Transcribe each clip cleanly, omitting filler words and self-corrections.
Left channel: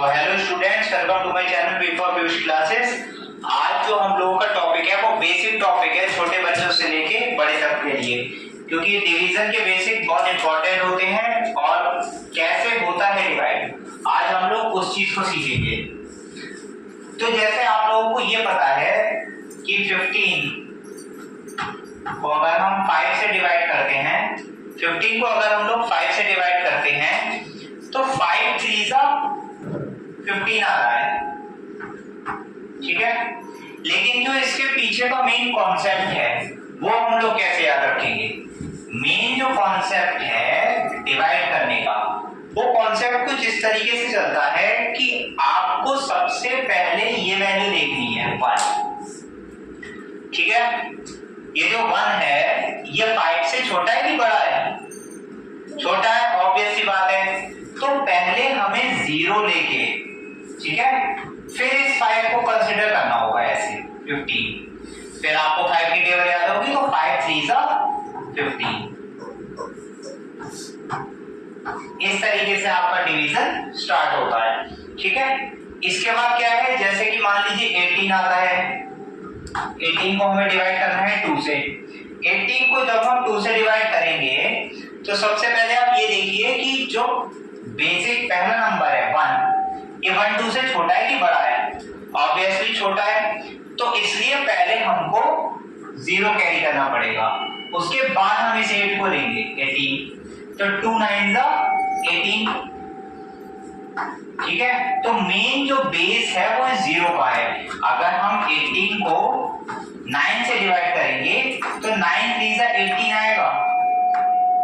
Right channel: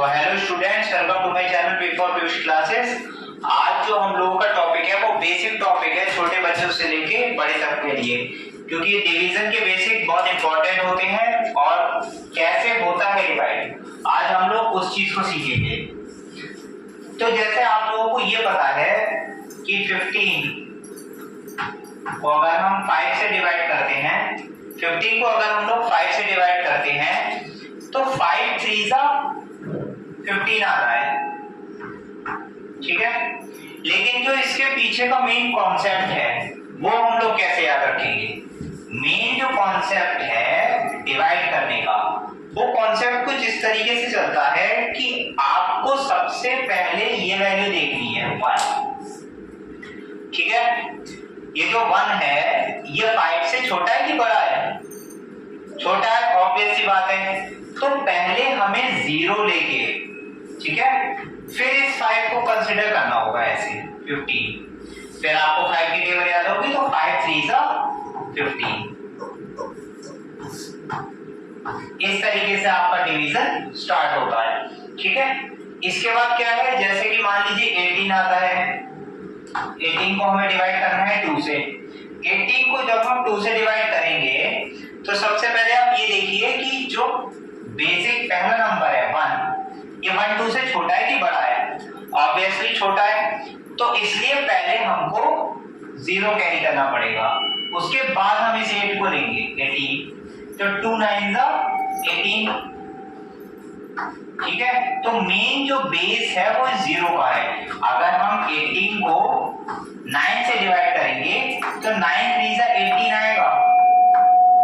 तो hello students, welcome to my channel B for Piyush classes. आज जो हम लोगों का टॉपिक है वो बेसिक टॉपिक है, छोटे बच्चों से लेके बड़े तक के लिए, क्योंकि डिवीजन के बेसिक बहुत इंपॉर्टेंट होते हैं और कैसे होता है डिवाइड, आज हम लोग उस चीज को सीखेंगे। तो जैसे आप लोगों को ये पता है कि 15 को अगर हम 5 से डिवाइड करते हैं, 15 को अगर हम लोग 5 से डिवाइड करते हैं तो 5 3 15 आता है, ठीक है। लेकिन जो इसके पीछे का मेन कॉन्सेप्ट है वो हम लोग कैसे याद रखेंगे। मेन जो कॉन्सेप्ट है डिवाइड करने का, वो कॉन्सेप्ट कुछ इस तरीके से चलता है कि आपको सबसे पहले ये वैल्यू देखनी है 1, ठीक है। ये जो 1 है ये 5 से छोटा है कि बड़ा है? छोटा है, ऑब्वियस सी बात है। तो पहले हमें 0 लेके, ठीक है, फिर इस 5 को कंसीडर करना होगा ऐसे 15। फिर आपको 5 की टेबल याद होगी, तो 5 3 15। इस तरीके से आपका डिवीजन स्टार्ट होता है, ठीक है। इसके बाद क्या है, जैसे कि मान लीजिए 18 आता है, 18 को हमें डिवाइड करना है 2 से। 18 को जब हम 2 से डिवाइड करेंगे तो सबसे पहले आप ये देखिए कि जो बेसिक पहला नंबर है 1, ये 1 2 से छोटा है कि बड़ा है? ऑब्वियसली छोटा है, तो इसलिए पहले हमको 0 कैरी करना पड़ेगा, उसके बाद हम इस 8 को लेंगे 18, तो 2 9 18, ठीक है। तो मेन जो बेस है वो 0 का है। अगर हम 18 को 9 से डिवाइड करेंगे तो 9 3 18 आएगा,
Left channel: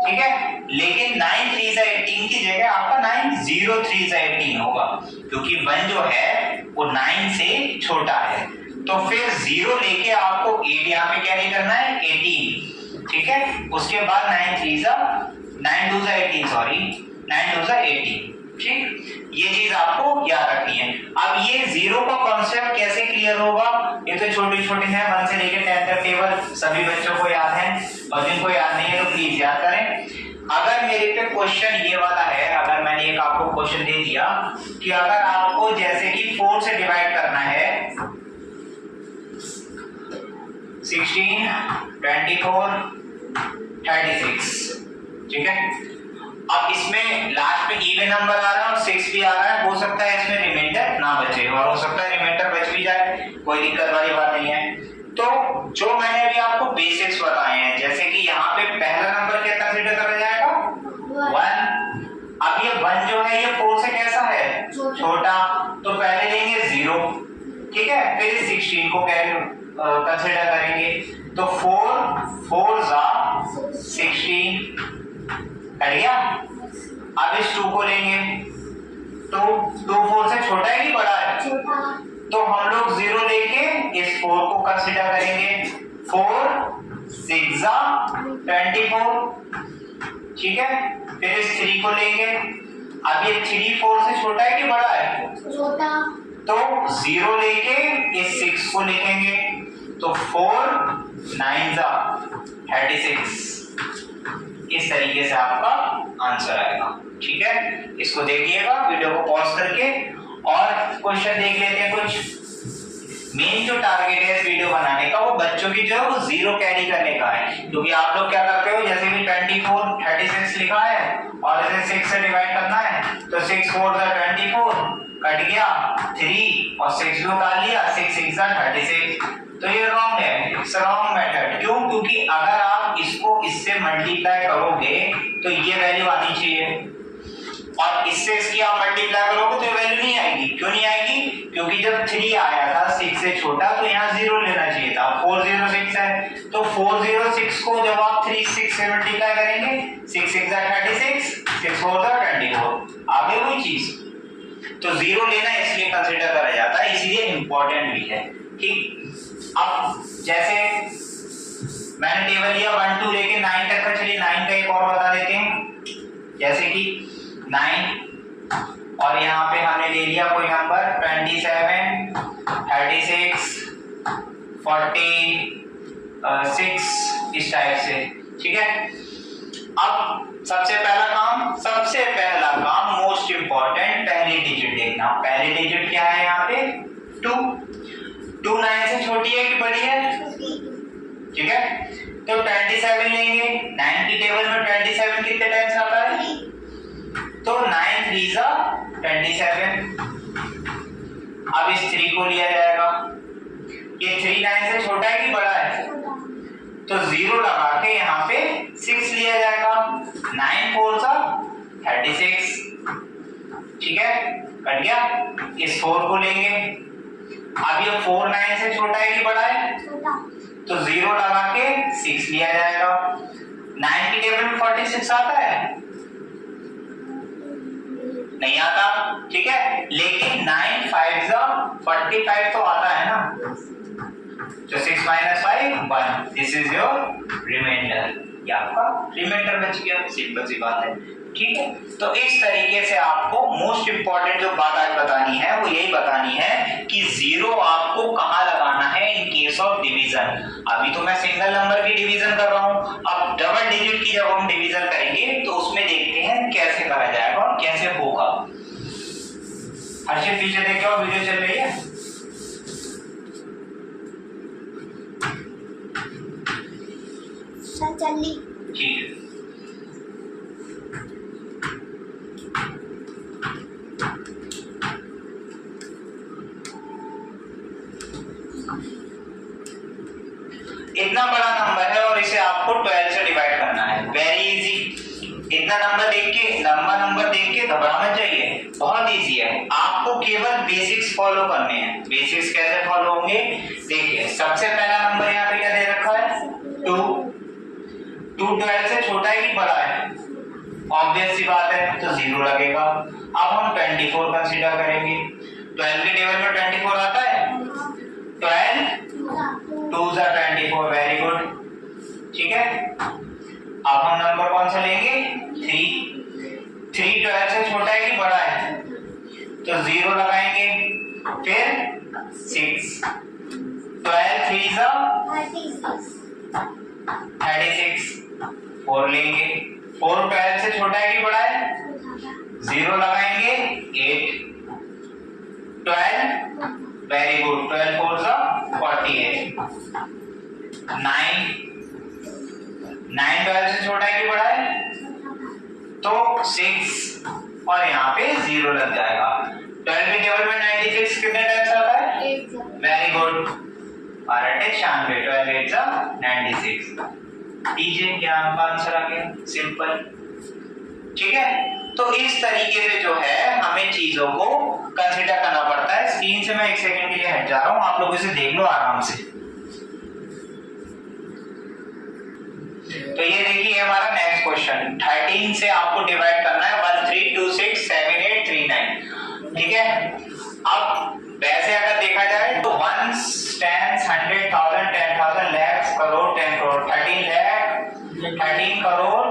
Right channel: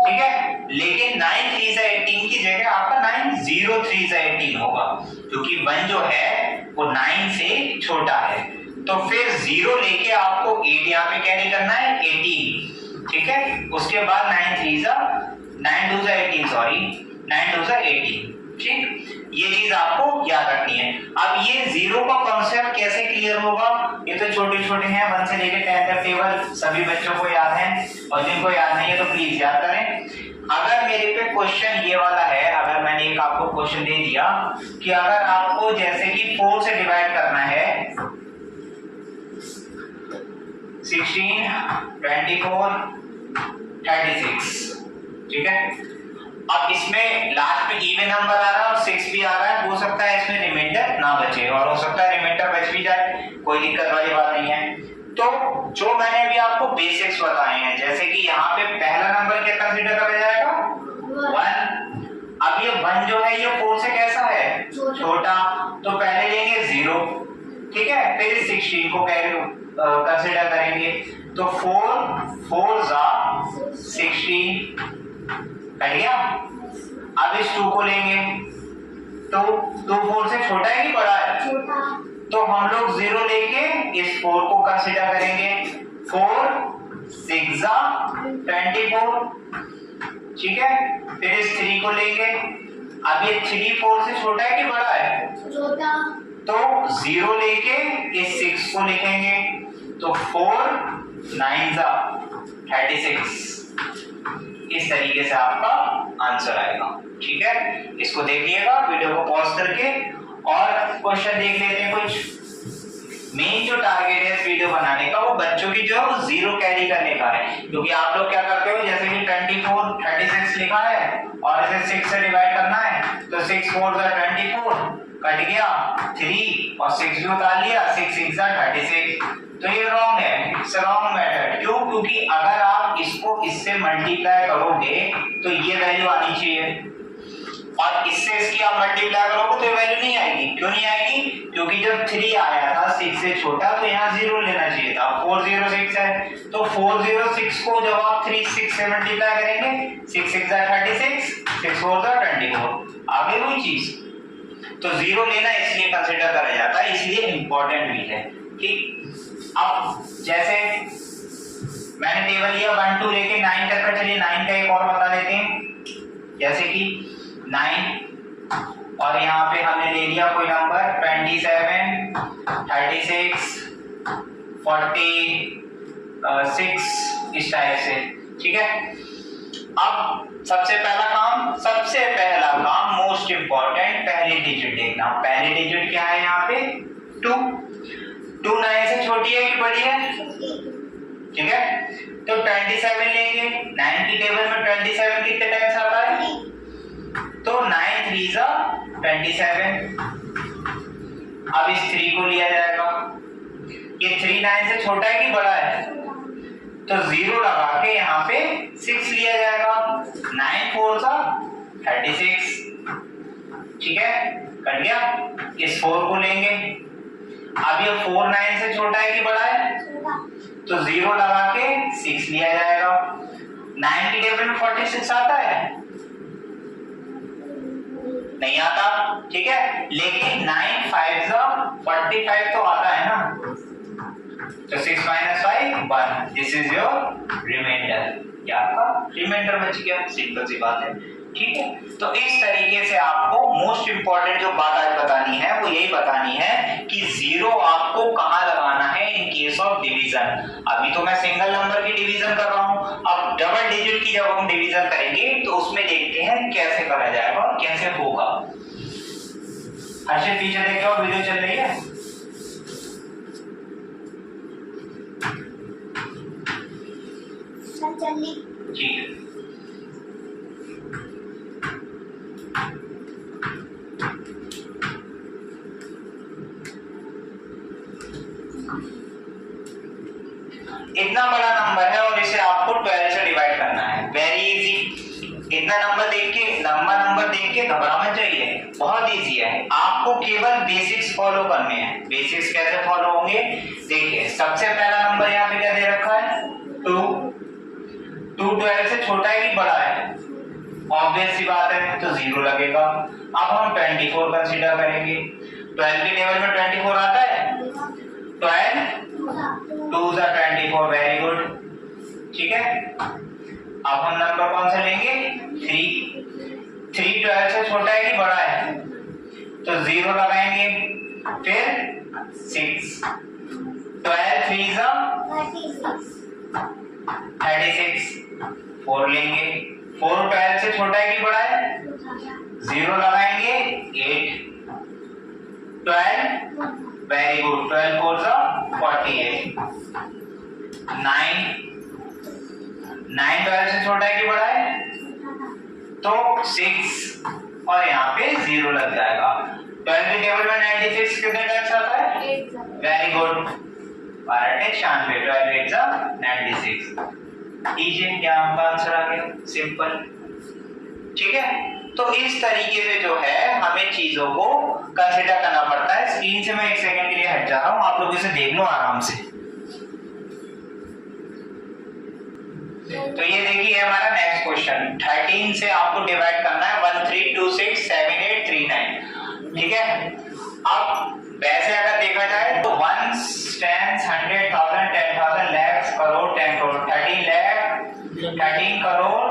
ठीक है। लेकिन 9 3 18 की जगह आपका 9 0 3 18 होगा, क्योंकि 1 जो है वो 9 से छोटा है। तो फिर 0 लेके आपको 8 यहाँ पे कैरी करना है 18, ठीक है। उसके बाद 9 2 18, सॉरी 9 2 18, ठीक। ये चीज आपको याद रखनी है। अब ये 0 का कॉन्सेप्ट कैसे क्लियर होगा, ये तो छोटे छोटे हैं, 1 से लेकर 10 तक टेबल सभी बच्चों को याद है, और जिनको याद नहीं है तो प्लीज याद करें। अगर मेरे पे क्वेश्चन ये वाला है, अगर मैंने एक आपको क्वेश्चन दे दिया कि अगर आपको जैसे कि 4 से डिवाइड करना है 16 24 36, ठीक है। अब इसमें लास्ट में इवन नंबर आ रहा है और 6 भी आ रहा है, हो सकता है इसमें रिमाइंडर ना बचे और हो सकता है रिमाइंडर बच भी जाए, कोई दिक्कत वाली बात नहीं है। तो जो मैंने अभी आपको बेसिक्स बताए हैं, जैसे कि यहाँ पे पहला नंबर क्या कंसीडर करा जाएगा 1। अब ये 1 जो है ये 4 से कैसा है? छोटा, तो पहले लेंगे 0, ठीक है, फिर 16 को कंसीडर करेंगे, तो 4 4 16 कट गया। अब इस 2 को लेंगे, तो 2 4 से छोटा है कि बड़ा है? छोटा। तो हम लोग 0 लेके इस 4 को कंसीडर करेंगे, 4 6 24, ठीक है। फिर इस 3 को लेंगे, अब ये 3 4 से छोटा है कि बड़ा है? छोटा। तो 0 लेके इस 6 को लिखेंगे, तो 4 9 36। इस तरीके से आपका आंसर आएगा, ठीक है। इसको देखिएगा, वीडियो को पॉज करके, और क्वेश्चन देख लेते हैं कुछ। मेन जो टारगेट है इस वीडियो बनाने का वो बच्चों की जो 0 कैरी करने का है, क्योंकि आप लोग क्या करते हो, जैसे कि 24 36 लिखा है और इसे 6 से डिवाइड करना है, तो 6 4 24 कट गया, 3 और 6 भी उतार लिया, 6 6 36। तो ये रॉन्ग है, इट्स रॉन्ग मेथड। क्यों? क्योंकि अगर आप इसको इससे मल्टीप्लाई करोगे तो ये वैल्यू आनी चाहिए, और इससे इसकी आप मल्टीप्लाई करोगे तो ये वैल्यू नहीं आएगी। क्यों नहीं आएगी? क्योंकि जब 3 आया था 6 से छोटा, तो यहाँ 0 लेना चाहिए था। 406 है, तो 406 को जब आप 3 6 से मल्टीप्लाई करेंगे, 6 6 36, 6 4 24, आ गई वही चीज। तो 0 लेना इसलिए कंसीडर करा जाता है, इसलिए इंपॉर्टेंट भी है, ठीक। अब जैसे मैंने टेबल लिया 1 2 लेके 9 तक का, चलिए 9 का एक और बता देते हैं। जैसे कि 9 और यहाँ पे हमने ले लिया कोई नंबर 27 36 46 इस टाइप से, ठीक है। अब सबसे पहला काम मोस्ट इंपॉर्टेंट पहली डिजिट देखना। पहली डिजिट क्या है यहाँ पे 2। 2 9 से छोटी है कि बड़ी है? ठीक है, तो 27 लेंगे। 9 की टेबल में 27 कितने टाइम्स आता है? तो 9 3 जा 27। अब इस 3 को लिया जाएगा। ये 3 9 से छोटा है कि बड़ा है? तो 0 लगा के यहाँ पे 6 लिया जाएगा। 9 4 जा 36। ठीक है, कट गया। इस 4 को लेंगे। अब ये 4 9 से छोटा है कि बड़ा है? तो 0 लगा के 6 लिया जाएगा। 9 की टेबल में 46 आता है? नहीं आता। ठीक है, लेकिन 9 5 जा 45 तो आता है ना। तो 6 - 5 1। This is your reminder. ये आपका रिमाइंडर बच गया। सिंपल सी बात है। ठीक है, तो इस तरीके से आपको मोस्ट इंपॉर्टेंट जो बात आज बतानी है वो यही बतानी है कि 0 आपको कहां लगाना है इन केस ऑफ डिवीजन। अभी तो मैं सिंगल नंबर की डिवीजन कर रहा हूं, अब डबल डिजिट की जब हम डिवीजन करेंगे तो उसमें देखते हैं कैसे करा जाएगा और कैसे होगा। हर्षित पीछे देखो, वीडियो चल रही है। ठीक है, इतना बड़ा नंबर है और इसे आपको 12 से डिवाइड करना है। Very easy. इतना नंबर देख के घबरा मत जाइए, बहुत इजी है। आपको केवल बेसिक्स फॉलो करने हैं। बेसिक्स कैसे फॉलो होंगे देखिए। सबसे पहला नंबर यहाँ पे क्या दे रखा है 2। 2 12 से छोटा है कि बड़ा है? ऑब्वियस सी बात है, तो 0 लगेगा। अब हम 24 कंसीडर करेंगे। 12 की टेबल में 24 आता है? 12 2 जा 24। Very good. ठीक है, अब हम नंबर कौन सा लेंगे 3। 3 12 से छोटा है कि बड़ा है? तो 0 लगाएंगे। फिर 6। 12 3 जा 36। 4 लेंगे। 4 12 से छोटा है कि बड़ा है? 0 लगाएंगे। 8 12। Very good. 12 4 जा 48। 9 12 से छोटा है कि बड़ा है? तो 6 और यहाँ पे 0 लग जाएगा। 12 की टेबल में 96 कितने टाइम्स आता है? Very good. 12 96। 12 8 जा 96। लीजिए, क्या आपका आंसर आ गया। सिंपल। ठीक है, तो इस तरीके से जो है हमें चीजों को कंसीडर करना पड़ता है। स्क्रीन से मैं 1 सेकंड के लिए हट जा रहा हूं, आप लोग इसे देख लो आराम से। तो ये देखिए हमारा नेक्स्ट क्वेश्चन। 13 से आपको डिवाइड करना है 1 3 2 6 7 8 3 9। ठीक है, अब वैसे अगर देखा जाए तो 1 10 100 1000 10,000 lakhs करोड़ 10 करोड़ 13 लाख 13 करोड़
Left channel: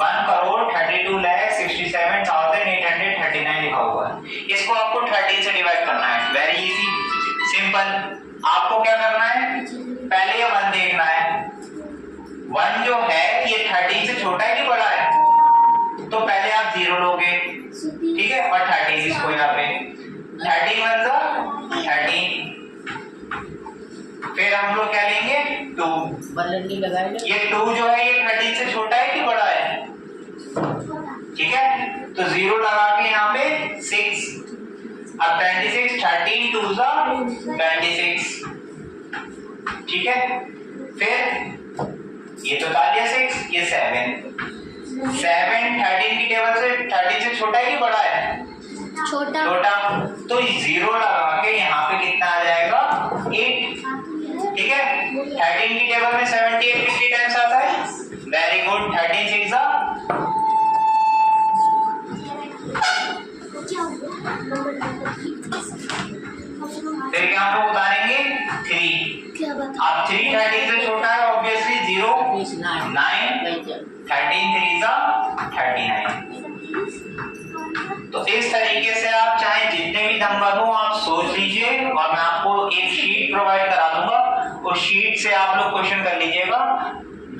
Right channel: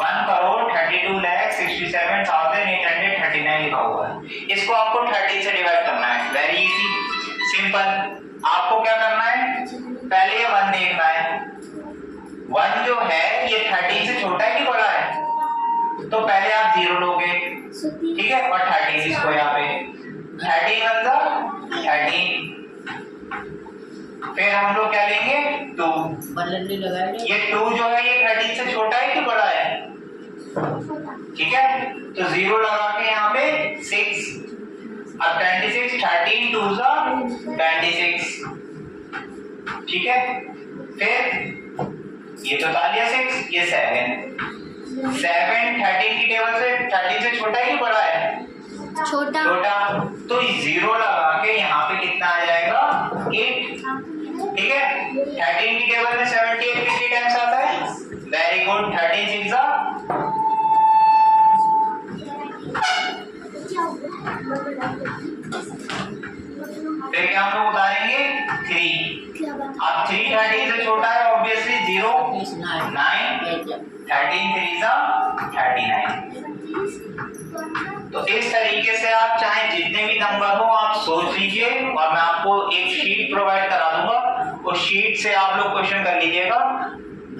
1 करोड़ 32 लाख 67,839 लिखा हुआ है। इसको आपको 13 से डिवाइड करना है। Very easy, simple. आपको क्या करना है, पहले ये 1 देखना है। 1 जो है ये 13 से छोटा है कि बड़ा है? तो पहले आप 0 लोगे। ठीक है, और 13 इसको यहाँ पे 13 1 जा 13। फिर हम लोग क्या लेंगे 2। ये 2 जो है ये 13 से छोटा है कि बड़ा है? ठीक है, तो 0 लगा के यहाँ पे 6। अब 26 13 2 जा 26। ठीक है, फिर ये तो डालिए 6, ये 7 13 की टेबल से 13 से छोटा है कि बड़ा है? छोटा। तो 0 लगा के यहाँ पे कितना आ जाएगा 8। ठीक है, 13 की टेबल में 78 कितनी टाइम्स आता है? Very good. 13 6 जा फिर क्या हम लोग उतारेंगे 3। अब 3 13 से छोटा है ऑब्वियसली 0 9 13 3 जा 39। तो इस तरीके से आप चाहे जितने भी नंबर हो आप सोच लीजिए और मैं आपको एक शीट प्रोवाइड करा दूंगा, उस शीट से आप लोग क्वेश्चन कर लीजिएगा।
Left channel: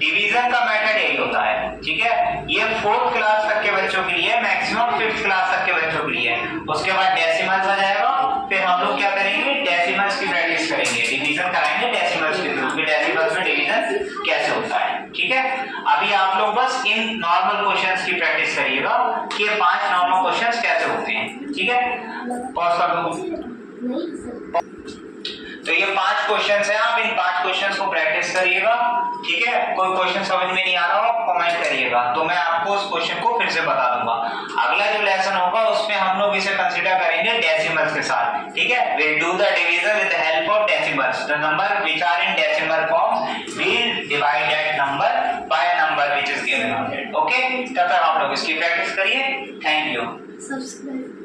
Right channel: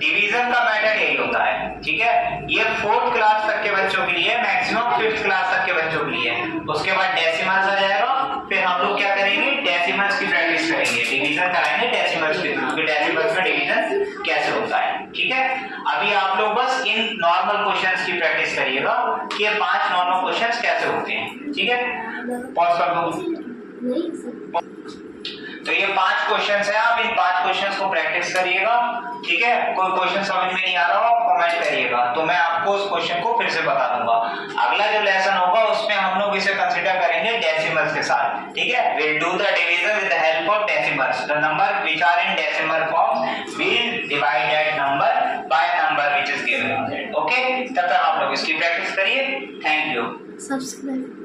डिवीजन का मेथड यही होता है, ठीक है। ये 4th क्लास तक के बच्चों के लिए, मैक्सिमम 5th क्लास तक के बच्चों के लिए। उसके बाद डेसिमल्स आ जाएगा, फिर हम लोग क्या करेंगे, डेसिमल्स की प्रैक्टिस करेंगे, डिवीजन कराएंगे डेसिमल्स के थ्रू, कि डेसिमल्स में डिवीजन कैसे होता है, ठीक है। अभी आप लोग बस इन नॉर्मल क्वेश्चंस की प्रैक्टिस करिएगा कि ये 5 नॉर्मल क्वेश्चंस कैसे होते हैं, ठीक है। पॉज कर दो। तो ये 5 क्वेश्चंस हैं, आप इन 5 क्वेश्चंस को प्रैक्टिस करिएगा, ठीक है। कोई क्वेश्चन समझ में नहीं आ रहा हो कमेंट करिएगा, तो मैं आपको उस क्वेश्चन को फिर से बता दूंगा। अगला जो लेसन होगा उसमें हम लोग इसे कंसीडर करेंगे डेसिमल्स के साथ, ठीक है। Will do the division with the help of decimals. The number which are in decimal form will divide that number by a number which is given on it. Okay, तब तक आप लोग इसकी प्रैक्टिस करिए। Thank you. सब्सक्राइब